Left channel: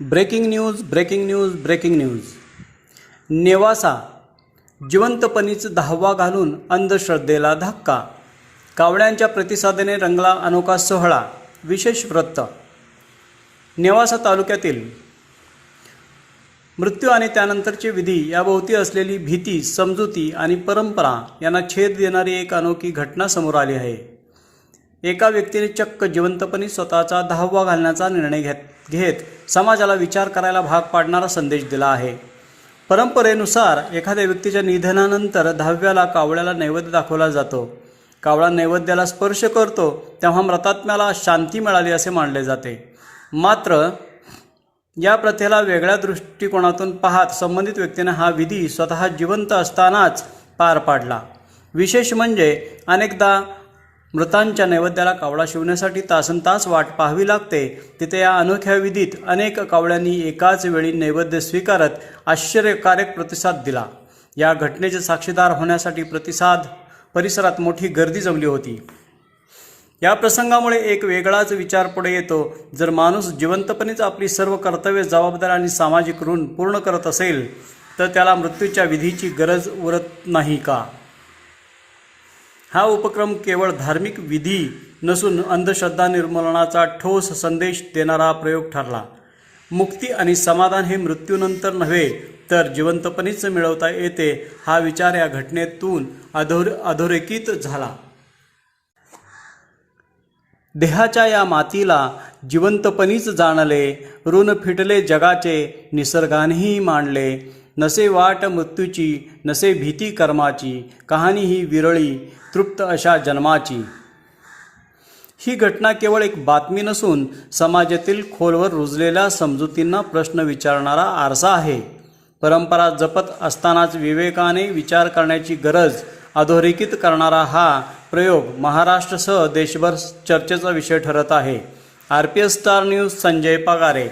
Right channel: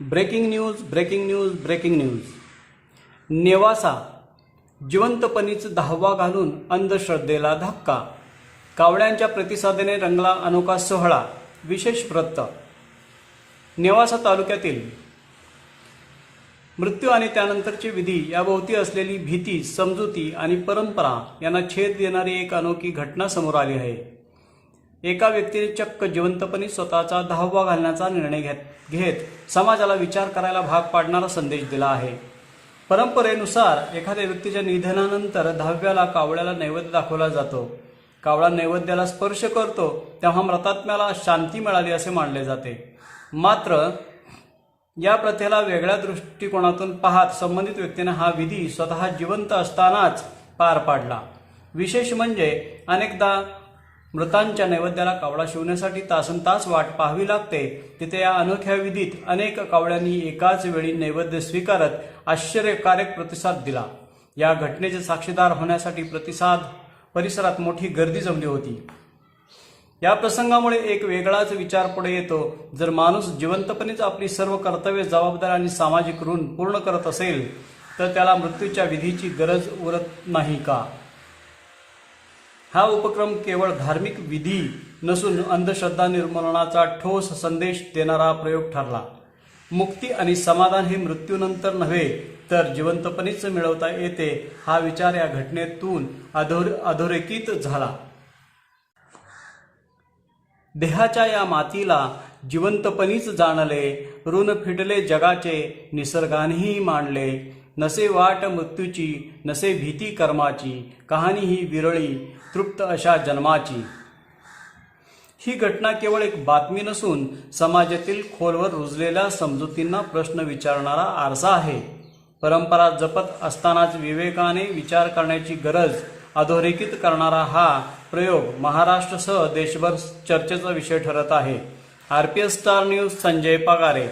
Breaking news breaking news breaking news. Nevasa जिवंतपणीच 10वा घालून अंधश्रद्धेला धक्का. कावळ्यांच्या प्रतिसादाने रंगला अनोखा सोहळा. विशेष वृत्त. नेवासा तालुक्यातील मृत्यू आणि त्यानंतरचे विधी याभोवती असलेली भीती, समजुती आणि परंपरा यांना छेद देणारी एक अनोखी घटना समोर आली आहे. एका व्यक्तीने चक्क जिवंतपणी स्वतःचा 10वा घालण्याचा निर्णय घेत समाजाला विचार करायला भाग पाडणारा संदेश दिला आहे. परंपरेनुसार एखाद्या व्यक्तीच्या निधनानंतर 10व्याला कावळ्याला नैवेद्य दाखवला जातो. कावळा नैवेद्याला स्पर्श करतो तेव्हा मृतात्म्याला शांती मिळाली असे मानले जाते. मात्र या प्रथेला वेगळ्या दृष्टिकोनातून पाहत संबंधित व्यक्तीने हा विधी स्वतः जिवंत असतानाच पार पाडला. विशेष म्हणजे अनेकदा मृतांच्या नैवेद्याला कावळा शिवण्यासाठी तासनतास वाट पाहावी लागते. तिथे या अनोख्या विधीत अनेक कावळ्यांनी एकाच वेळी नैवेद्य स्वीकारत आश्चर्यकारक प्रतिसाद दिला. या घटनेचे साक्षीदार होण्यासाठी परिसरात मोठी गर्दी जमली होती. या प्रसंगामुळे एक वेगळाच विचार पुढे येतो. जर माणूस जिवंतपणेच आपली सर्व कर्तव्ये, जबाबदारी आणि सामाजिक ऋण पूर्ण करत असेल तर त्याला मृत्यूच्या विधीची गरज उरत नाही का? हा उपक्रम केवळ धार्मिक विधी नसून अंधश्रद्धा निर्मूलनाचा ठोस संदेश देणारा प्रयोग ठरला. मुक्ती आणि समाधान हे मृत्यूनंतर नव्हे तर जिवंतपणेच मिळवता येते हा विचार या घटनेतून अधोरेखित झाला. देहाच्या या मातीला जिवंतपणीच जाणले, ऋण फिटले जगाचे, निसर्गानेही मांडले. नसे वाट मृत्यूची, नसे भीती कर्माची, कहाणी ही विरळी, तृप्त अशा जन्माची. ही घटना केवळ एक बातमी नसून समाजातील खोलवर रुजलेल्या समजुतींना प्रश्न विचारणारा आरसा आहे. परंपरा जपत असतानाच विवेकाने विचार करण्याची गरज अधोरेखित करणारा हा प्रयोग महाराष्ट्रासह देशभर चर्चेचा विषय ठरत आहे. RPS star news, Sanjay Pagare.